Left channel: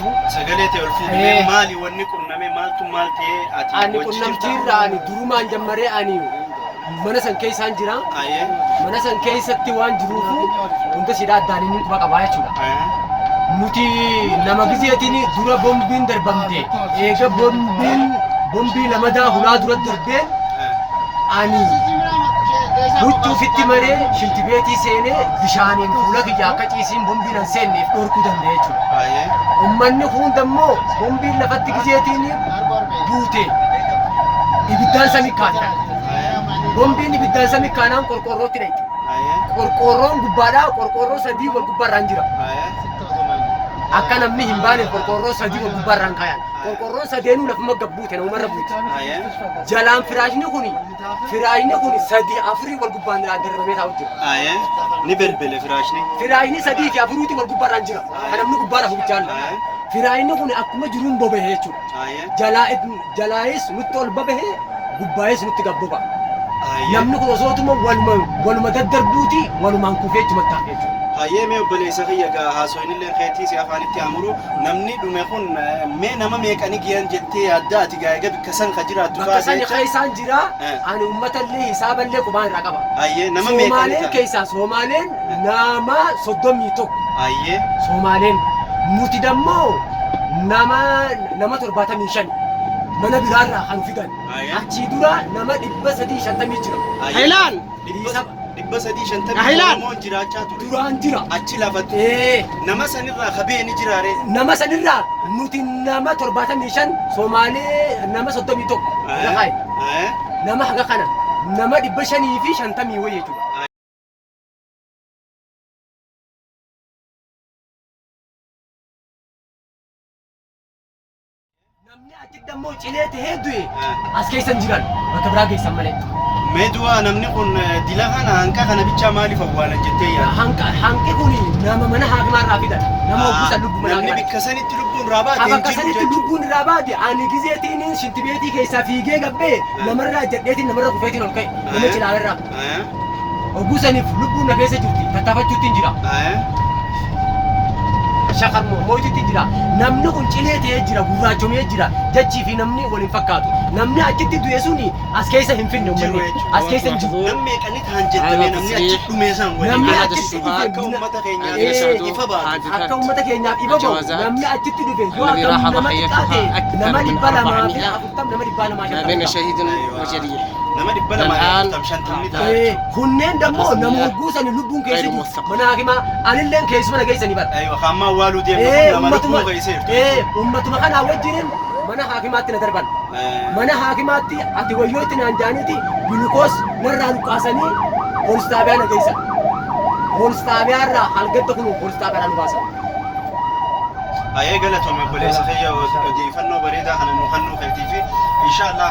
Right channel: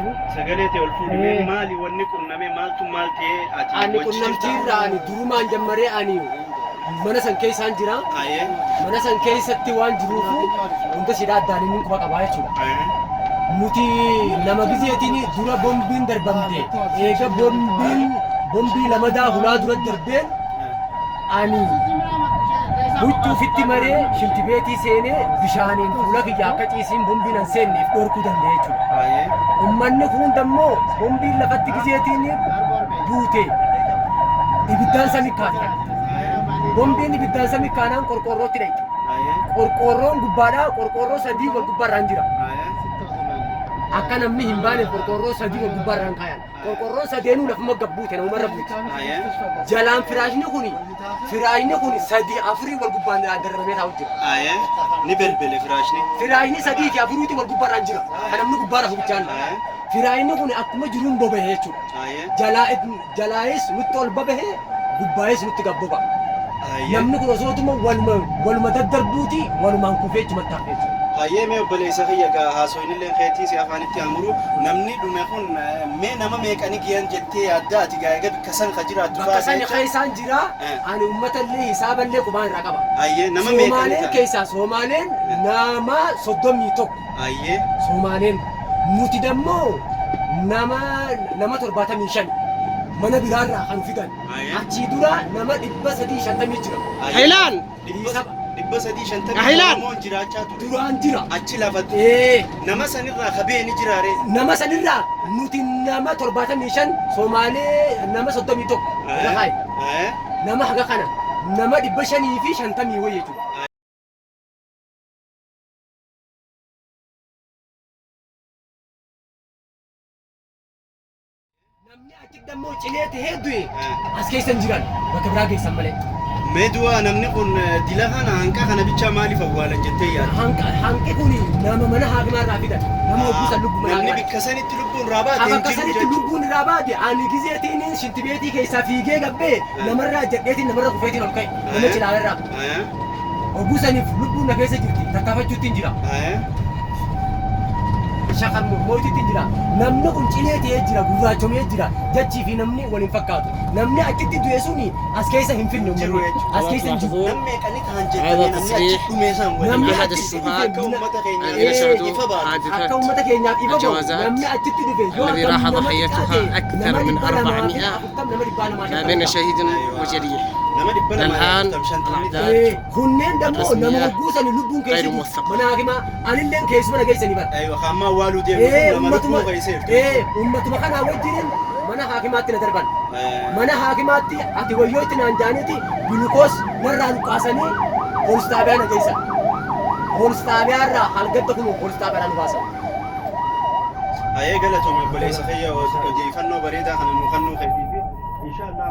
jirtu. Sagalee ta'e ol fuudhee maali wanni qunnamee maaltu maal ta'ee ati ani qunnamtiirraa ani durumaan jammaree ani mana san keessaan jira. Mana san keessatti waan jiruufu hunda sidaa addaan inni quba qabaa jechuudha. Nuti nama gizeetiin dura bombiin darbamte eega bombii lamadaa hulaa dura darbeen ani huccuu fitti maree shintibeetii seenee bishaaniin fuula kiyya akka ciisiin bombiin an seenneef dhorkuu danda'e jechuudha. Uummanni hundammoo bombiin lafatti gizeetiin buute ibiddaan samii kaatan. Bombiin ibiddaan samii kaanaan qorqorrootti dhayte. Qorqorroon gubbaadhaa qorqorroo sadii wal gubbaarraan jira. Akka namni hin baane qorqorroo sadii wal gubbaarraan kaayan. Qorqorroon sadeenuu lafuma gabbuute namumarra buute. Jalaan firaashni kun sadii afurii wal gubbaan darramee taa'u jira. Ni belbele firaashni. Firaashni sadii fi afuriitti wal gubbaarraan jira. Kan namni gubbaadha hubichaan. Firaashni kun akkuma jiruun bobahee jechuudha. Jalaayis nutti ol bobahee gubbaayis nutti gabboba. Namni kun osootuma waluma daddarbuuti walumaan kufee itti mattaafee jechuudha. Ayyee mee obboleessa kiyya haasoin illee keetii si afaanitti amuru namni dhume kun mee nama meeqani giyan jettee yaadda ati gaa'ega bikka san ka jiraattu baasee jecha. Bakka isaan jira ani uummatallee hisaaballee qubaan irraa qaba. Ayyee nama meeqani Somaaleen keessaa Somaaleen nama 31. Ayyee Somaaleen nuti dammoo nama 75 mana biraarraa kan fidan. Achii dura nama 350 jira. Hailaan 350 Oromoo jiraachaa ture. Duraan jira. Achi lafatti. Nama sanirraa kabee ni jiraare. Nama sanirraa nuti nama 75 Somaalee nama 31 lafaay. Nama haga kana nama 550 wayii jechuudha. Namni achi dammoo cilee ta'ee du'e as keessan jiran bakka biraa geessan malee. Meedu'a namni kun dila kana hanqa kana bichaa maaliif awwaalan jettee yaadda? Hanqi kun nama mana haakimaarraa fidan. Nama ogguusan lubbu mana namni bikka sanitti lubbuun irraa baate bakka sanitti lubbuun irraa baate ani gizeetiin shintibeetii keessaa fiigee gabbee namarraa jedheetiin namarra kufeetiin ol ka'e nama cilaalarraa. Ogguusaniif lubbuun na keessa jirti tattaafachuutti hin jira. Shakar mootitti jira. Namni kun cilee ta'ee jira gurraachomee jira jechii fi namni waliin fakkaatu. Namni achitti du'e suni as keessa hin finne uummanni. As keessa hin jiru. Namni meeqani kan jettame namni achi dhumee san namni achitti akka uummata keenyaaf ifa baatu. Akka uummata keenyaaf ifa baatu. Namni achitti dhufe الذي راح ضحيتها أكثر من 400 ما بين شهيد وجريح. الآن كنين دمو نمو غوسن لبون كيس غير موثق. مناغما انلن كيس من كيس نيبر ايوه خاما والو دي امتما امتما كان وجرين منا حاكمات ندربن منا حاكمات اتي ويوت نانجانيتي جلوكوز نران قاسني ولستابيانا كيس ولستابيارا حلقت تكونوا ولستابيارا نباسا ايه قالتهم يا بوليس خيا ودي فنو بريده خلينا نخنو خيتي في ان شاء الله